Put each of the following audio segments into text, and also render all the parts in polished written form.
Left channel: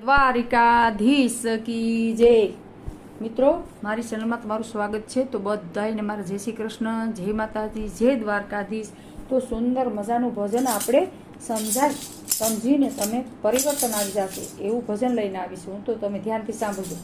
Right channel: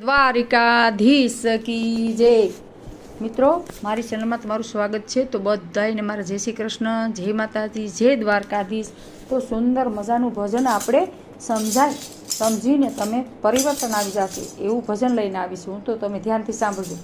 દ્વારિકાધીશ કી જય। મિત્રો, મારી ચેનલમાં તમારું સ્વાગત છે। તો બધાને મારા જય શ્રી કૃષ્ણ, જય માતાજી, જય દ્વારકાધીશ। તો સુંદર મજાનું ભજન આપણે સમજીને તમે પરિવર્તન આવી જશે એવું ભજન લઈને આવીશું, તો તમે ધ્યાનથી સાંભળજો।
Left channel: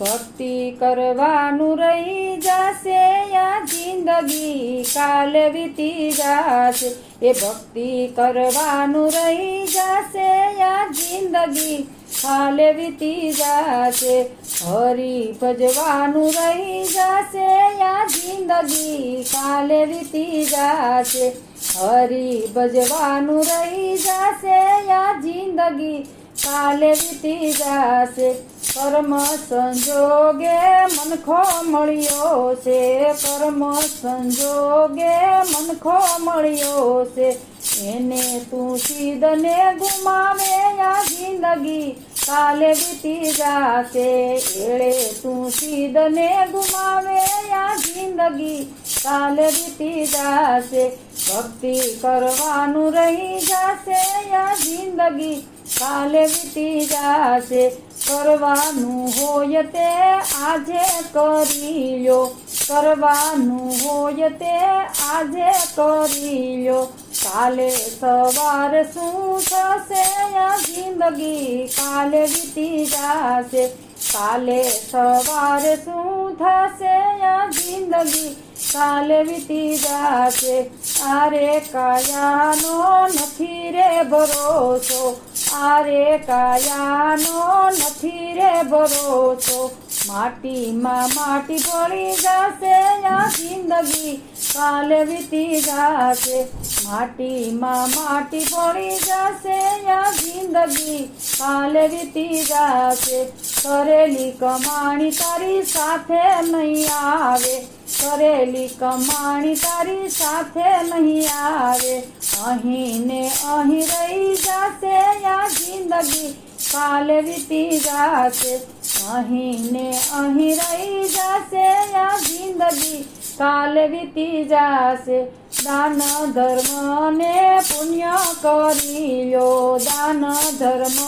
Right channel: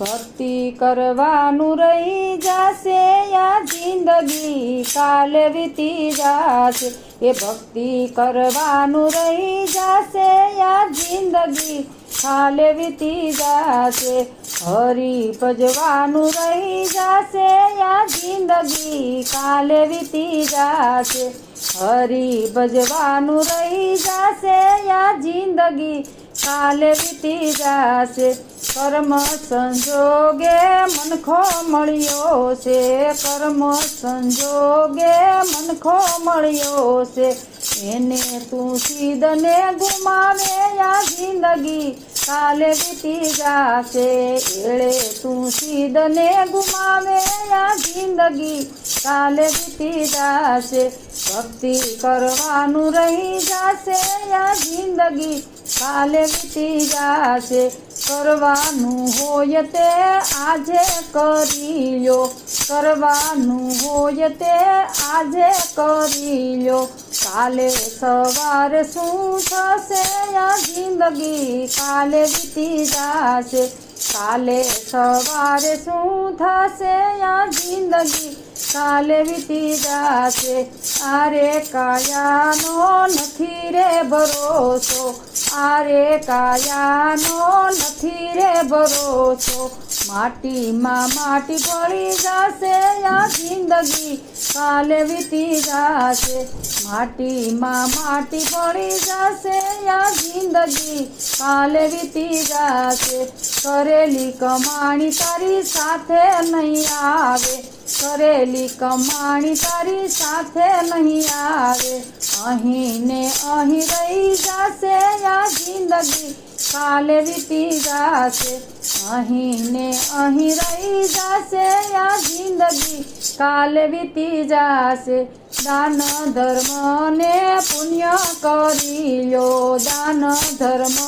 ભક્તિ કરવાનું રહી જશે આ જિંદગી કાલે વીતી જશે, એ ભક્તિ કરવાનું રહી જશે આ જિંદગી કાલે વીતી જશે, હરી ભજવાનું રહી જશે આ જિંદગી કાલે વીતી જશે, હરી ભજવાનું રહી જશે આ જિંદગી કાલે વીતી જશે। કર્મ સંજોગે મનખો મળ્યો છે, કર્મ સંજોગે મનખો મળ્યો છે, એને તું સીધને ગુમાવે આ જિંદગી કાલે વીતી જશે, એળે તું સીધને ગુમાવે આ જિંદગી કાલે વીતી જશે, ભક્તિ કરવાનું રહી જશે આ જિંદગી કાલે વીતી જશે, કરવાનું હોય તે આજે કરી લ્યો, કરવાનું હોય તે આજે કરી લ્યો, કાલે સવારે શું થશે આ જિંદગી કાલે વીતી જશે, કાલે સવારે શું થશે આ જિંદગી કાલે વીતી જશે, આરે કાયાનો નથી રે ભરોસો, આરે કાયાનો નથી રે ભરોસો, માટીમાં માટી ભળી જશે આ જિંદગી કાલે વીતી જશે, માટીમાં માટી ભળી જશે આ જિંદગી કાલે વીતી જશે, કરેલી કમાણી તારી સાથે નહીં આવે, કરેલી કમાણી તારી સાથે નહીં આવે, અહીં ને અહીં રહી જશે આ જિંદગી કાલે વીતી જશે, અહીં ને અહીં રહી જશે આ જિંદગી કાલે વીતી જશે, દાન ધર્મ ને પુણ્ય કરી લ્યો, દાન ધર્મ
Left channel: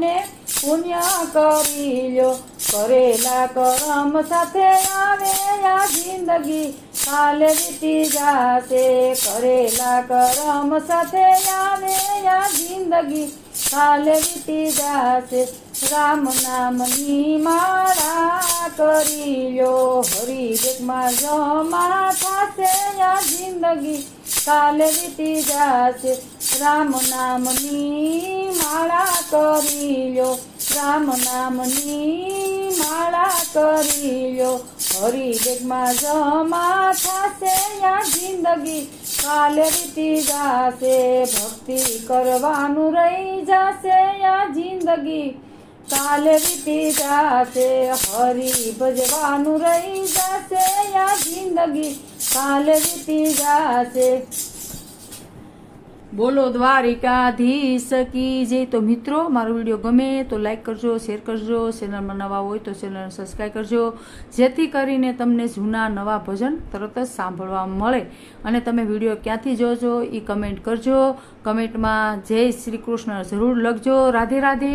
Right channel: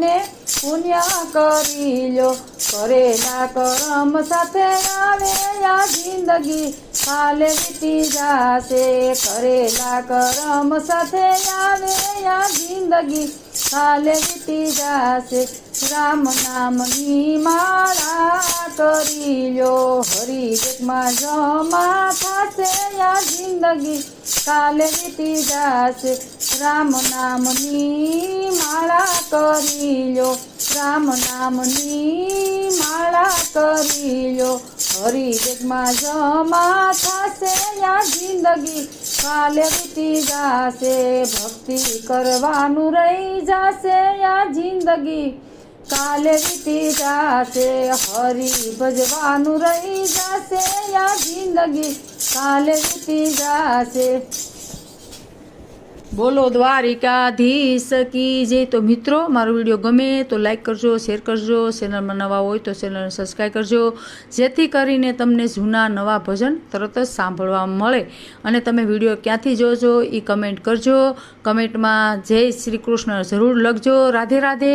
ને પુણ્ય કરી લ્યો, કરેલા કરમ સાથે આવે આ જિંદગી કાલે વીતી જશે, કરેલા કરમ સાથે આવે આ જિંદગી કાલે વીતી જશે, રામ નામની માળા કરી લ્યો, હરી જગમાં જમા થશે આ જિંદગી કાલે વીતી જશે, રામ નામની માળા કરી લ્યો, રામ નામની માળા કરી લ્યો, હરી જગમાં જમા થશે આ જિંદગી કાલે વીતી જશે, ભક્તિ કરવાનું રહી જશે આ જિંદગી કાલે વીતી જશે, હરી ભજવાનું રહી જશે આ જિંદગી કાલે વીતી જશે। બોલો દ્વારિકાધીશ કી જય। તો મિત્રો, મારો વિડીયો ગમે તો લાઈક કરજો, શેર કરજો, ચેનલમાં નવા હોય તો ચેનલને સબસ્ક્રાઈબ કરજો, જેથી કરીને તમને જૂના નવા ભજન તરત જ સાંભળવા મળે। અને તમે વિડીયો ક્યાંથી જોજો એ કમેન્ટ કરજો, કમેન્ટમાં જય શ્રી કૃષ્ણ જરૂર લખજો। રાધે રાધે।